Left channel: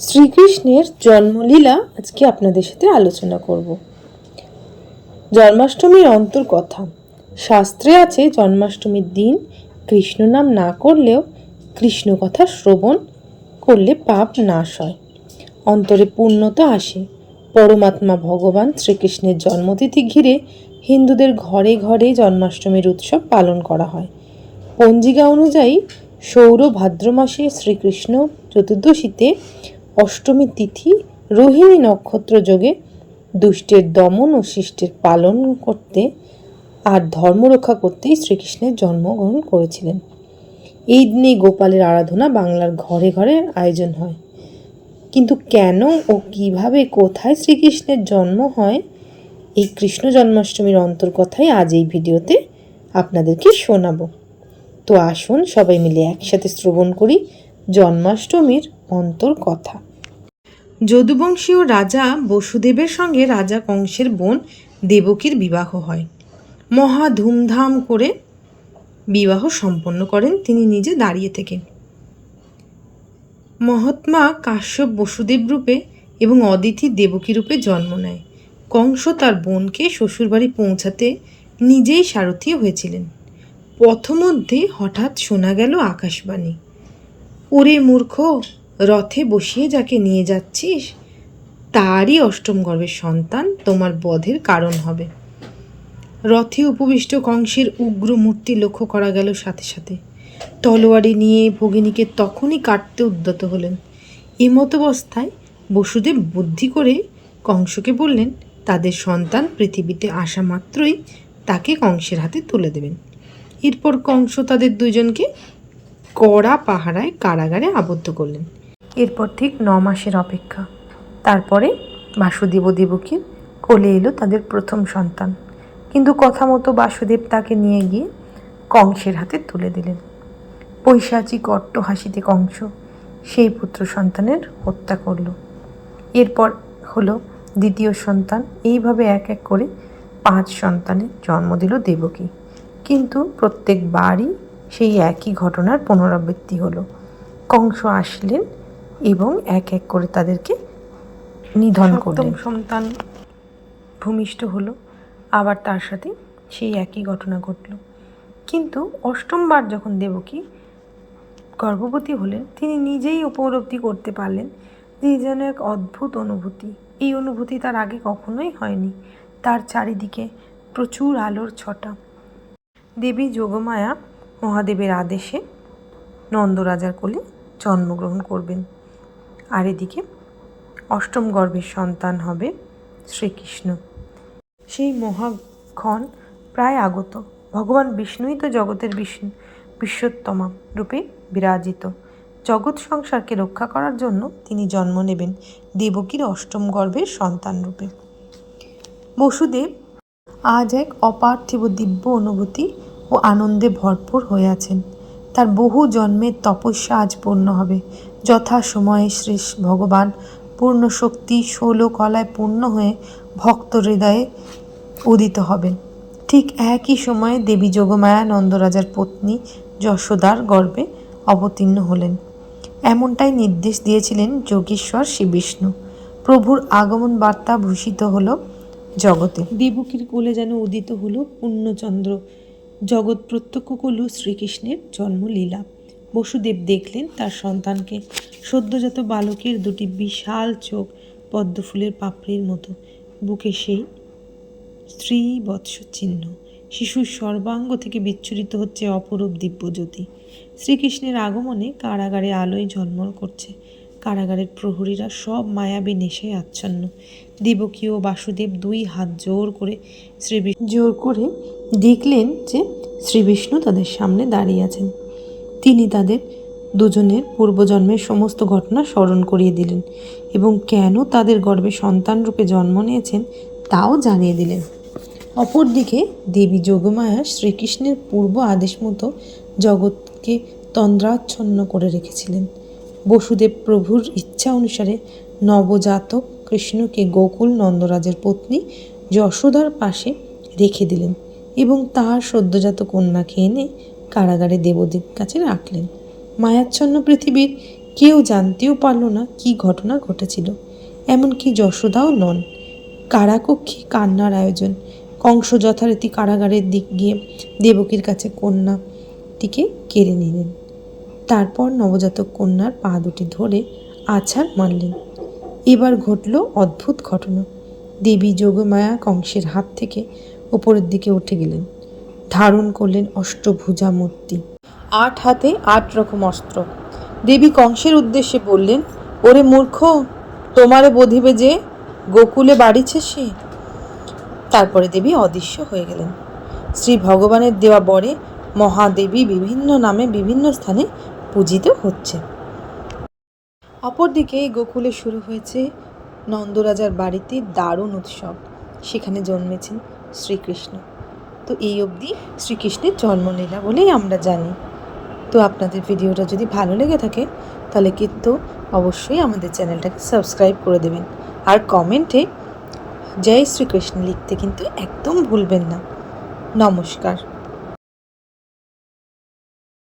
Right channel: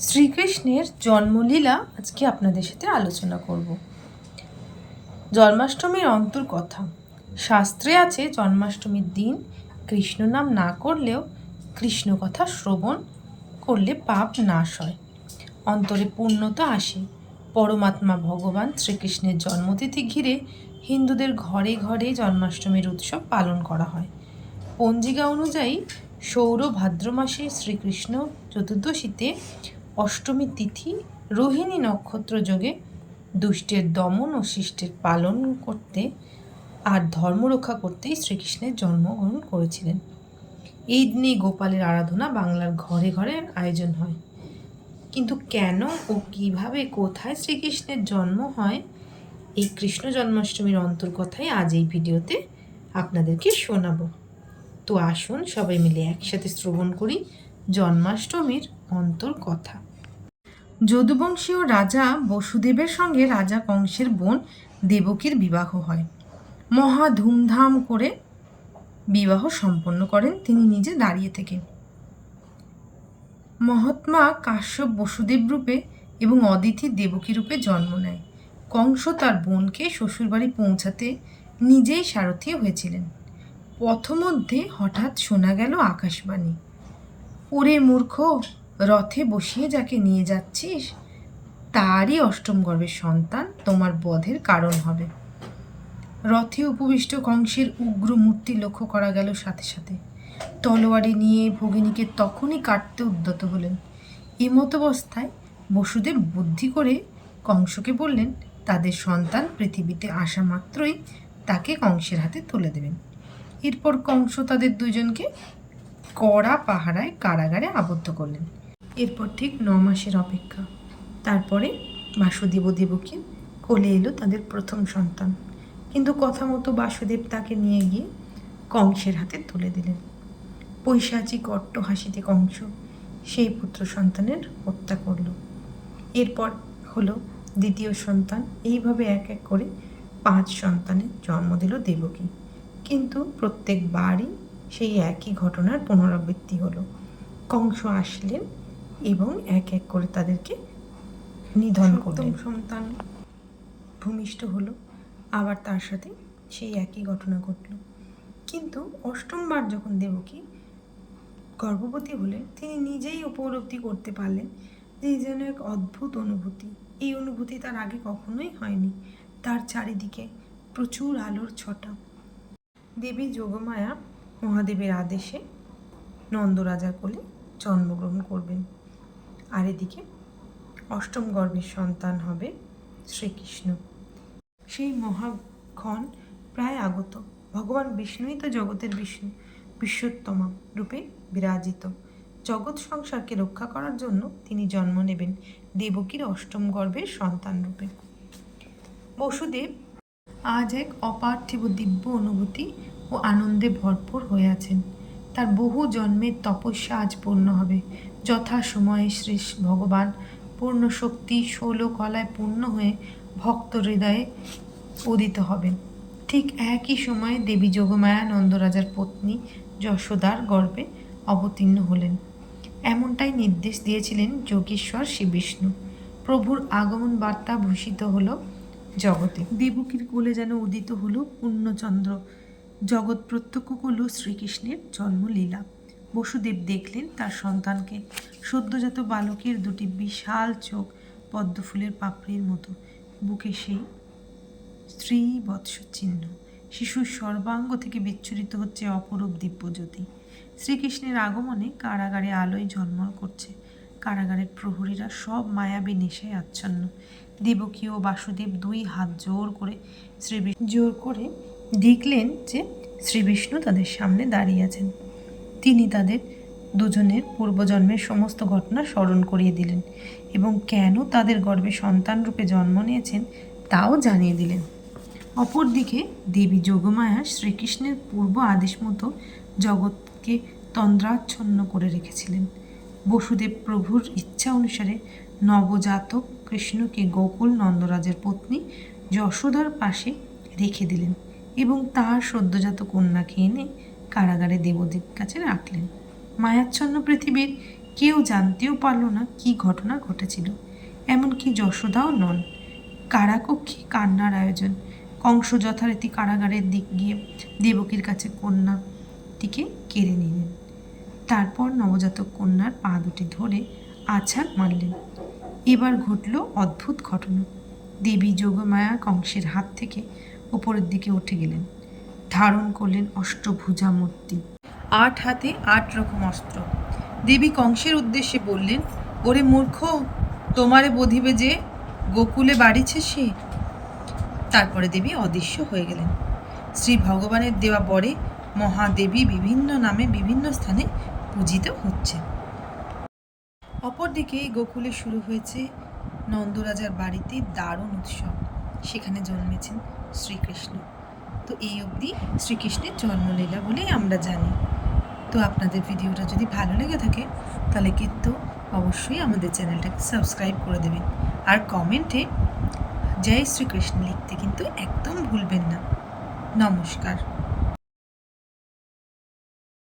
শ্রীকৃষ্ণের জন্মলীলা আজকে আপনাদের সাথে আলোচনা করব। জন্মাষ্টমীর অন্তর কথা শাস্ত্রে আছে, জন্মাষ্টমীর দিন কৃষ্ণ নাম না করলেও কৃষ্ণ কথা শ্রবণ করলে পাপ নাশ হয়। অন্তরে পূর্ণতা আসে। পরমাত্মা ভগবান শ্রীকৃষ্ণের জন্মতিথি ঘিরে হিন্দুদের ঘরে ঘরে জন্মাষ্টমীর উৎসব পালন করা হয়। পঞ্জিকা অনুযায়ী সৌর ভাদ্র মাসে শ্রীকৃষ্ণ চতুর্দশীতে অষ্টমী তিথি রোহিণী নক্ষত্র যোগে দুষ্টের দমন ও শিষ্টের পালন করতে আর ধর্ম রক্ষা করতেই শ্রীকৃষ্ণের জন্মগ্রহণ করেছিলেন। এই দিনে গোপালের আরাধনা বাংলার ঘরে ঘরে আয়োজন হয়। কিন্তু কেন ও কীভাবে কোথায় শ্রীকৃষ্ণের জন্ম হয়, এই কৃষ্ণ জন্মাষ্টমীর অন্তর্কথাই আজ এই ভিডিওতে আপনাদেরকে শোনাবো। তো আসুন সবাই মিলে একসাথে শ্রবণ করি জন্মাষ্টমীর অন্তর কথা। যদুবংশীয় রাজা বসুদেবের সঙ্গে রাজা কংসের বোন দেবকীর বিবাহ হয়। মহা ধুমধাম করে বিবাহ সম্পন্ন করেন তিনি নিজে দাঁড়িয়ে থেকে। মহাত্মা কাশ্যপ বসুদেব রূপে এবং অদিতি দেবকী রূপে জন্ম নেয়। কংস তার বোনকে শ্বশুরবাড়ি পৌঁছাতে নিজেই সারথি হয়েছিলেন। পথমধ্যে হঠাৎ শোনা গেল আকাশবাণী। ওরে মূর্খ রথে বসিয়ে যাকে নিয়ে যাচ্ছিস, তারই অষ্টম গর্ভের সন্তান তোমার বধের কারণ হবে। রথে উপবিষ্ট কংসের উগ্র মূর্তি লক্ষ্য করা গেল সাথে সাথে। তলোয়ারি নিয়ে ভগিনীকে তখনই কাটতে উদ্যত হলেন। এমতাবস্থায় বসুদেব বুদ্ধি করে কংসকে বললেন, তাদের সন্তান পৃথিবীতে আসা মাত্রই তাকে কংসের হাতে তুলে দেবেন। এরপর কংস তাদের দুজনকে কড়া পাহারায় কারাগারে আবদ্ধ করলেন। এরপর ঠিক ন মাসের অপেক্ষা। তারপরে বাসুদেব ও দেবকীর কোলে এলো তাদের প্রথম সন্তান। কিন্তু কথা মতো বাসুদেব তাকে নিয়ে গিয়ে কংসের হাতে তুলে দিলেন। পৈশাচিক কট্ট হাসিতে কংস সেই পুত্র সন্তানের হত্যা করল। এরপর হলো দ্বিতীয় সন্তান, এইভাবে এক এক করে পাঁচ সন্তানের জন্ম দিল দেবকী। কিন্তু প্রত্যেকবারই সেই একই ঘটনার পুনরাবৃত্তি হলো। কংস আসলেন এবং এক এক করে তাদেরকে নিধন করলেন। সন্তান ভূমিষ্ঠ হলো আবার তার সাথে সেই একই ঘটনা ঘটল। কিন্তু অষ্টমবার যখন দেবকী গর্ভবতী হলেন তিনি নিজেই উপলব্ধি করতে পারলেন যে যেন এক অদ্ভুত অনুভূতি। এই অনুভূতি তার আগে কখনোই হয়নি। তার চারিদিকে প্রচুর আলোর ছটা। দেবী যোগমায়া মহাদেবের আদেশে নন্দরাজার কোলে জন্মগ্রহণ করবেন। আর এদিকে অষ্টম গর্ভের সন্তান হবে শ্রীকৃষ্ণ। সেই মহাক্ষণ প্রায় আগত। ভগবান বিষ্ণুই তো জগতের বিষ্ণু বিশ্বত্তমা রূপে বিরাজিত। জগৎ সংসারকে রক্ষা করার জন্য তিনি জন্ম নেবেন দেবকীর অষ্টম গর্ভের সন্তান রূপে। বসুদেব আজ এক অপার্থিব দিব্য অনুভূতি ও আনন্দে ভরপুর হয়ে আছেন। তার বহু জন্মের তপস্যা আজ পূর্ণ হবে। যথা সময়ে শ্রী ভগবান পূর্ণ শক্তি ষোল কলায় পূর্ণ হয়ে ভক্ত হৃদয়ে উদিত হবেন। ঠিক একই সময়ে দেবী যোগমায়া নন্দরাজার পত্নী যশোদার গর্ভে অবতীর্ণ হলেন। এমনটাই নির্দেশ দিয়েছিলেন যোগেশ্বর শ্রী বিষ্ণু। প্রভুর আগমন বার্তা ভূষিত হল জগতে। দেবকীর কোলে যেন উদিত হল পূর্ণচন্দ্র। জগৎ প্রত্যক্ষ করল শ্রীকৃষ্ণের জন্মলীলা। বসুদেব দেখলেন তার সন্তানকে। সদ্যজাত বালকের দুটি বিশাল চোখ পদ্মফুলের পাপড়ির মতো। বুকে সেই স্ত্রী বৎস চিহ্ন শিশুর সর্বাঙ্গ থেকে বিচ্ছুরিত হচ্ছে অপরূপ দিব্যজ্যোতি। শ্রীকৃষ্ণের আগমনে কারাগারে আলোয় ঝলমল করছে। কারাগারের প্রহরীরা সব মায়াবী নেশায় আচ্ছন্ন। দেবকী ও বাসুদেব দুই হাত জোর করে শ্রীবিষ্ণু জোর করে দেখলেন যে শ্রীবিষ্ণু তাদের সামনে দাঁড়িয়ে আছেন। তিনি তাদের দুজনের পূর্বজন্মের সমস্ত ঘটনা স্মরণ করিয়ে দিলেন এবং কেন তাদের গর্ভে সন্তান রূপে জন্ম নিয়েছেন তাও জানিয়ে দিলেন। অপরদিকে দেবী যোগমায়া শ্রীকৃষ্ণের পূর্ব আদেশ মতো জগৎকে তন্দ্রাচ্ছন্ন করে রেখেছিলেন। বসুদেব প্রভুর ইচ্ছা অনুসারে নবজাতক কৃষ্ণকে গোকুল নন্দরাজের পত্নী যশোদার পাশে রেখে দিলেন এবং তার সদ্যজাত কন্যাকে এনে কারাগারে দেবদেব কাছে রাখলেন। মায়াচ্ছন্ন পৃথিবীর কেউ জানতেও পারল না কি ঘটনা ঘটেছিল। এমনকি যশোদাও নন। কারাকক্ষে কান্নার আয়োজন। কংস যথারীতি কারাগারের দিক গিয়ে দেবকীর কাছে কন্যাটিকে কেড়ে নিলেন। তারপর নবজাতক কন্যার পা দুটি ধরে আছাড় মারলেন। এবার ঘটল অদ্ভুত ঘটনা। দেবী যোগমায়া কংসের হাত থেকে ওপরের দিকে উঠে গেলেন। ধারণ করলেন অষ্টভুজা মূর্তি আট হাতে আট রকম অস্ত্র। দেবী কংসের উদ্দেশ্যে বললেন, ওরে মূর্খ, তোমারে বধিবে যে, গোকুলে বাড়িছে সে? তারপরে দেবী অদৃশ্য হয়ে গেলেন। শ্রী ভগবানের দেওয়া বরে মহাদেবী বিভিন্ন নামে বিভিন্ন স্থানে পূজিত হচ্ছে। অপরদিকে গোকুলে শুরু হয়েছে নন্দরাজার বাড়িতে দারুণ উৎসব। সেখানে জন্মেছেন শ্রীকৃষ্ণ। তো এই অবধি শ্রীকৃষ্ণের জন্মলীলা বলেই আমরা জানি। তো আপনাদের ভিডিওটা যদি ভালো লেগে থাকে, তাহলে কিন্তু অবশ্যই আমাদের চ্যানেলটাকে সাবস্ক্রাইব করে দেবেন। আর কমেন্টে জয় শ্রীকৃষ্ণ লিখতে কিন্তু একদম ভুলবেন না। নমস্কার।